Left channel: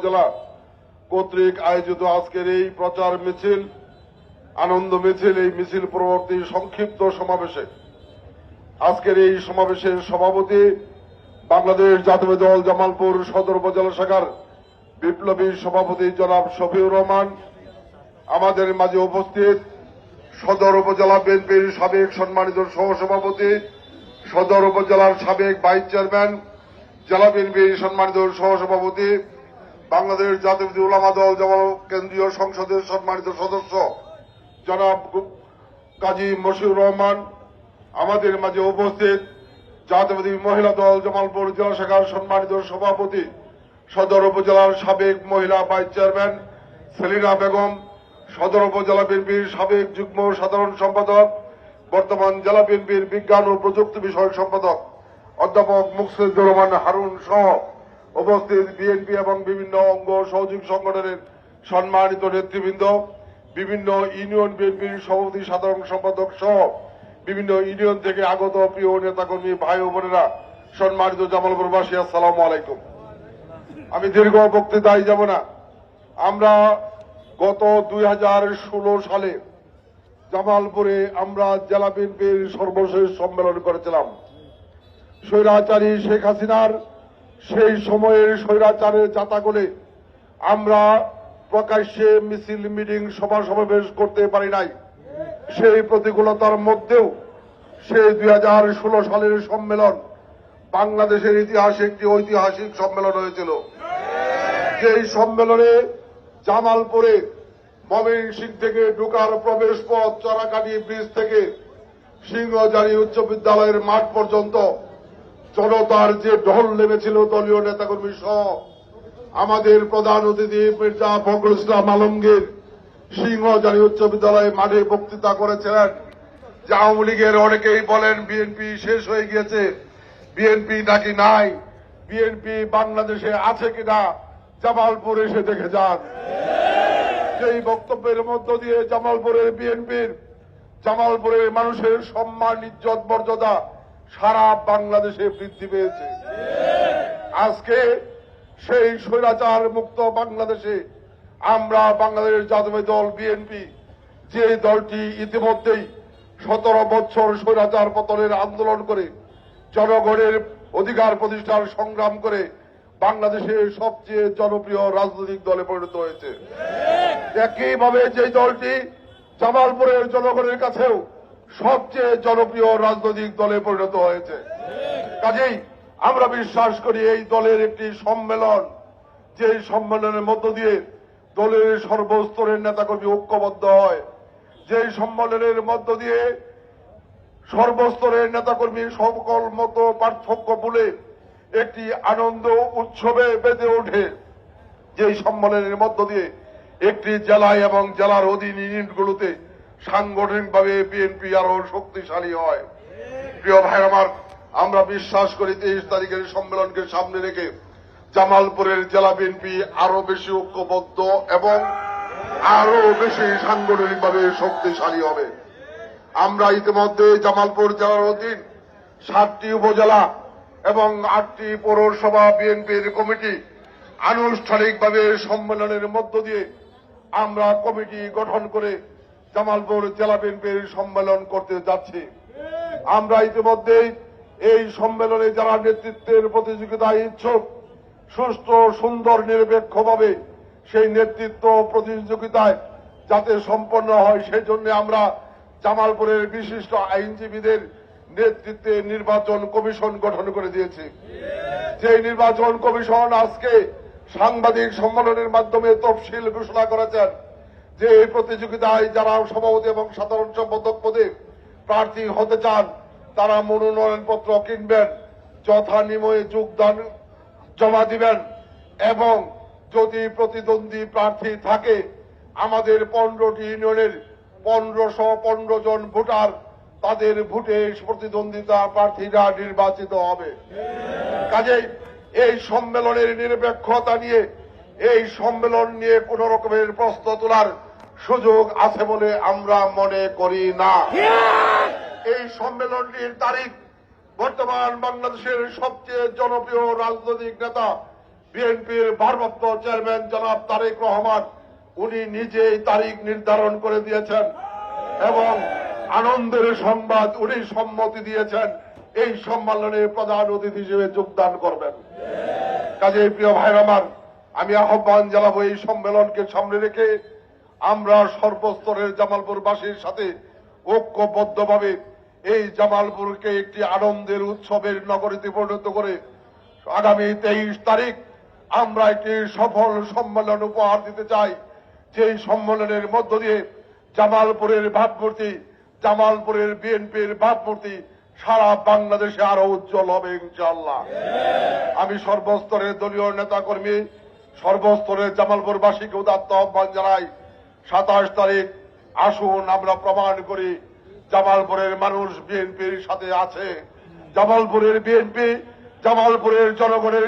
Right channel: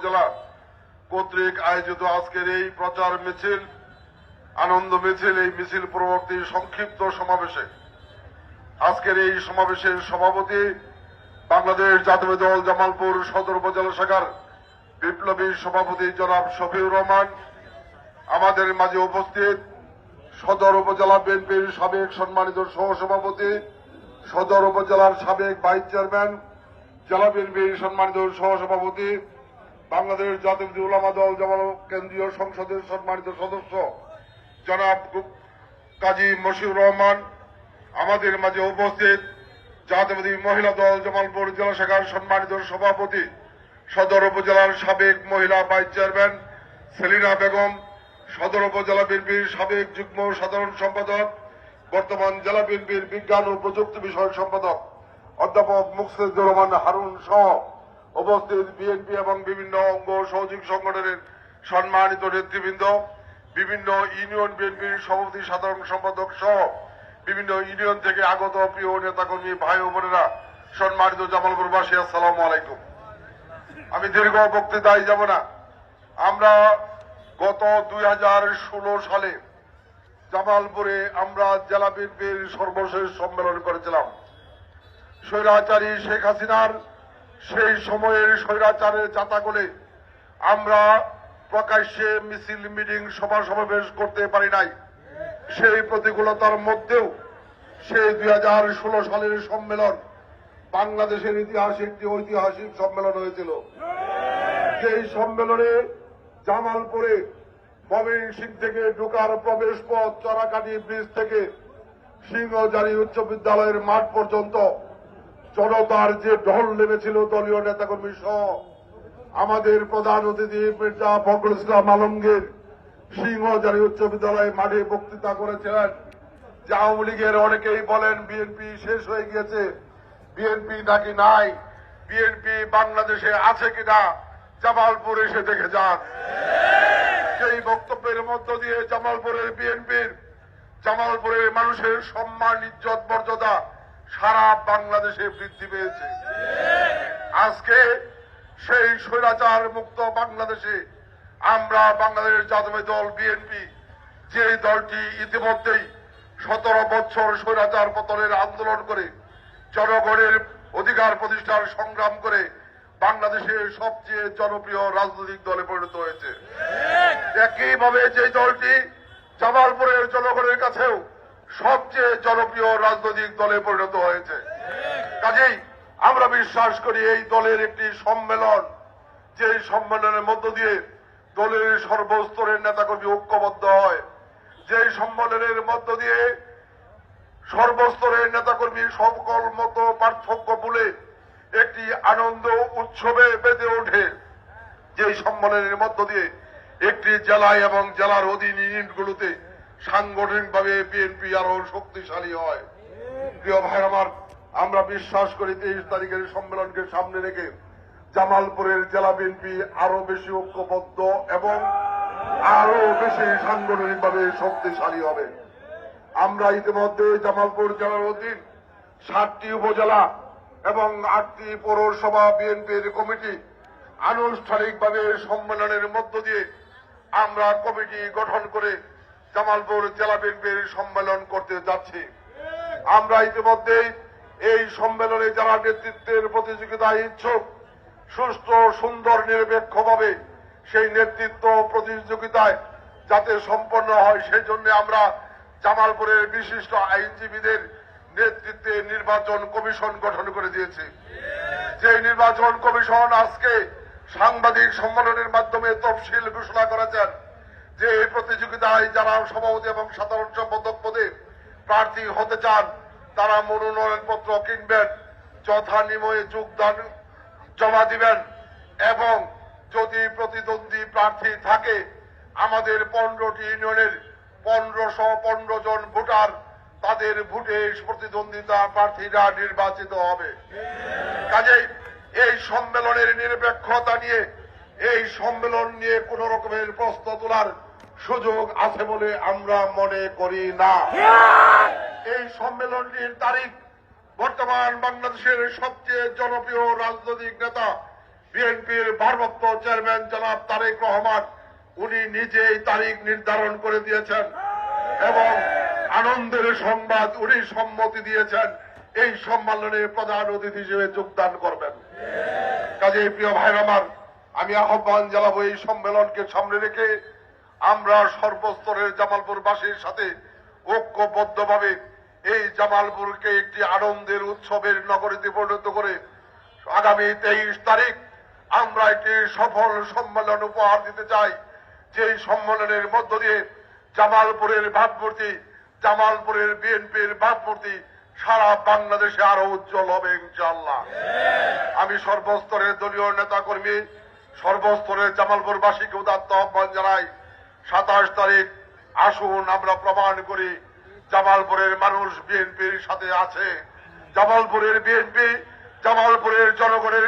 উপজেলা কর্তৃক আয়োজিত আজকের এই প্রচার মিছিল, আনন্দ মিছিল, এই মিছিল পরবর্তী সংক্ষিপ্ত সমাবেশে। আজকের এই সমাবেশের সভাপতি বাংলাদেশ জাতীয় দল জামালপুর সদর উপজেলা শাখার বিপ্লবী সভাপতি জনাব শফিউর রহমান, আমাদের মাঝে উপস্থিত সদর উপজেলা বিএনপির সাবেক সম্মানিত সহসভাপতি, সদর উপজেলার সাবেক ভাইস চেয়ারম্যান, জেলা বিএনপির সম্মানিত সহসভাপতি বাংলাদেশ জাতীয় উলামা দল জামাল কেন্দ্রীয় সংসদের সম্মানিত সদস্য, জনাব কাজী মশিউর রহমান। আমাদের মাঝে উপস্থিত জাতীয়বাদী মহিলা দল জামালপুর জেলা শাখার সম্মানিত সভাপতি, সদর উপজেলার সাবেক মহিলা ভাইস চেয়ারম্যান সেলিনা বেগম, সদর উপজেলা বিএনপির সাবেক যুগ্ম সাধারণ সম্পাদক, বর্তমান জেলা বিএনপির বিজ্ঞান ও প্রযুক্তি বিষয়ক সম্পাদক, অধ্যাপক মুকসিদুর রহমান হারুন সহ উপস্থিত বিএনপি এবং বিভিন্ন অঙ্গ সহযোগী সংগঠনের সম্মানিত নেতৃবৃন্দ, বিভিন্ন ইউনিয়ন বিএনপির সভাপতি, সাধারণ সম্পাদক সহ বিভিন্ন ইউনিয়ন থেকে আগত প্রিয় নেতাকর্মী, ভাই বোনেরা, সম্মানিত জামালপুরবাসী, আসসালামু আলাইকুম। আমি দীর্ঘ বক্তৃতায় যাব না। আমরা গত দুই হাজার ষোলো সালে জামালপুরে আমরা জেলা বিএনপির সর্বশেষ সম্মেলন করেছিলাম। স্বৈরাচারী শেখ হাসিনার সেই সময়ের স্বৈরাচারের জাতাগলে আমরা প্রকাশ্যে মিছিল, মিটিং, সভা সমাবেশ করতে পারি নাই। সেই প্রতিকূলতার মধ্যেও সেই দুই হাজার ষোলো সালের সম্মেলন বাংলাদেশের ইতিহাসে একটি ঐতিহাসিক সম্মেলন হয়েছিল, যেই সম্মেলনে জামালপুরে ময়মনসিং থেকে ঢুকার প্রবেশ পথ চরাকাটি ব্রিজ থেকে সিংহজারি উচ্চ বিদ্যালয়ের মাঠ পর্যন্ত জনতার যে ঢল নেমেছিল দলীয় নেতাকর্মী সহ আমাদের প্রধান অতিথি মির্জা ফখরুল ইসলাম আলমগীর সিংহজারি উচ্চ বিদ্যালয়ে মাঠে বক্তৃতা করেছিলেন। যে আওয়ামী লীগের অনেকেই বলেন, বিএনপি শেষ হয়ে গিয়েছে। বিএনপি নাকি নাই? বিএনপি বাংলাদেশে আছে কিনা? জামালপুর এসে দেখে যান। সেই বক্তব্যের মধ্য দিয়ে জামালপুরের বিএনপির, জামালপুরের মানুষের সম্মান, ইজ্জত, মর্যাদা সারা বাংলাদেশে বৃদ্ধি পেয়েছে। আজকে সেই স্বৈরাচার মুক্ত বাংলাদেশে আমরা বাংলাদেশ জাতীয় দল, বিএনপি, যে দলটি ইতিমধ্যেই সতেরো বছর স্বৈরাচার পতনের আন্দোলন করে, জনগণের অধিকার প্রতিষ্ঠার সংগ্রাম করে বাংলাদেশের সবচেয়ে জনপ্রিয় রাজনৈতিক দলে পরিণত হয়েছে। একইভাবে যে দলটি জামালপুরের জনগণের কাছেও সবচেয়ে জনপ্রিয় রাজনৈতিক দলে পরিণত হয়েছে। কাজেই আমরা বিশ্বাস করি এই দলের একটি সম্মেলন, যে সম্মেলনের মধ্য দিয়ে দলের সর্বস্তরের নেতাকর্মী ঐক্যবদ্ধ হয়। যে সম্মেলনের মধ্য দিয়ে সর্বস্তরের নেতাকর্মী সকল মত পার্থক্য বলে একটি আনন্দ উৎসবে বেঁধে ওঠে। যে সম্মেলনের মধ্য দিয়ে একটি জেলায় এবং জেলার অধীন ইউনিটগুলোতে সাংগঠনিকভাবে বিএনপি আরও শক্তিশালী হয়। প্রিয় ভাই আমার, আমরা বিশ্বাস করি তেইশ তারিখের সম্মেলনকে সামনে রেখে জামালপুরের জেলা বিএনপি আরও বেশি ঐক্যবদ্ধ এবং আরও বেশি সাংগঠনিকভাবে শক্তিশালী হবে। আমরা ইতিমধ্যে জামালপুর জেলার অধীন সাতটি উপজেলা এবং আটটি পৌরসভা বিএনপির কমিটি আনুষ্ঠানিকভাবে সম্মেলনের মধ্য দিয়ে আমরা কমিটি গঠন করে জামালপুর জেলা বিএনপির সম্মেলন করতে যাচ্ছি। আমরা ইতিমধ্যেই এই সম্মেলনে যারা নেতৃত্বের প্রতিযোগিতায় ইচ্ছুক, সুস্থ, সুন্দর, নিরপেক্ষভাবে সেই নেতৃত্ব প্রতিযোগিতায় যাতে সম্পন্ন হয় সেই জন্য আমরা জামালপুরের বিশিষ্ট আইনজীবীদের নেতৃত্বে নির্বাচন কমিশন গঠন করে দিয়েছি। যে নির্বাচন কমিশন আজকে সাংবাদিক সম্মেলনের মাধ্যমে তফসিল ঘোষণা করেছেন যে এই প্রতিযোগিতায় যারা সভাপতি এবং সাধারণ সম্পাদক পদে প্রার্থী হতে চান, তারা মনোনয়নপত্র কিনবেন, যথানিময়ে যোগদান জমা দিবেন এবং যদি প্রতিদ্বন্দ্বী প্রার্থী থাকে, আমাদের পনেরোটি ইউনিয়নের পনেরোশো পনেরো জন ভোটার, তাদের ভোটে প্রতিদ্বন্দ্বিতা প্রার্থীরা নির্বাচিত হবে। কাজেই এই সম্মেলনের নিরপেক্ষতা নিয়ে, এই সম্মেলন নিয়ে কোন রকমের প্রশ্ন তোলার সুযোগ আছে বলে আমরা মনে করি না। এই সম্মেলনটির তারিখ বর্তমান বাংলাদেশের সবচেয়ে জনপ্রিয় রাজনৈতিক নেতা বিএনপির ভারপ্রাপ্ত চেয়ারম্যান জনাব তারেক রহমান উনি নিজেই তারিখ নির্ধারণ করে দিয়েছেন এবং আনন্দের সংবাদ উনি সম্মতি দিয়েছেন। এই সম্মেলনে প্রধান অতিথি হিসেবে যোগদান করবেন। কাজে প্রিয় ভাই আমার আমি আহ্বান জানাব এই সম্মেলনকে সামনে রেখে আমরা সর্বস্তরের জামালপুরবাসীর সাথে ঐক্যবদ্ধভাবে এই জামালপুরকে একটি আনন্দের উৎসবের নগরীতে পরিণত করে আগামী তেইশ তারিখ আমরা একটি সফল সম্মেলন উপহার দিতে চাই। যেই সম্মেলনের মধ্য দিয়ে জামালপুরের ভাবমূর্তি, জামালপুরের বিএনপির ভাবমূর্তি সারা বাংলাদেশে আরও উজ্জ্বল হবে ইনশাল্লাহ আমি সর্বস্তরের দলীয় নেতাকর্মী, সর্বস্তরের জামালপুরবাসীকে উদাত্ত আহ্বান জানাই। সাতাশ তারিখ আসুন, আমরা প্রমাণ করি জামালপুরের মানুষ বিএনপির সাথে আছে। জামালপুরের বিএনপি, জামালপুরের জনগণের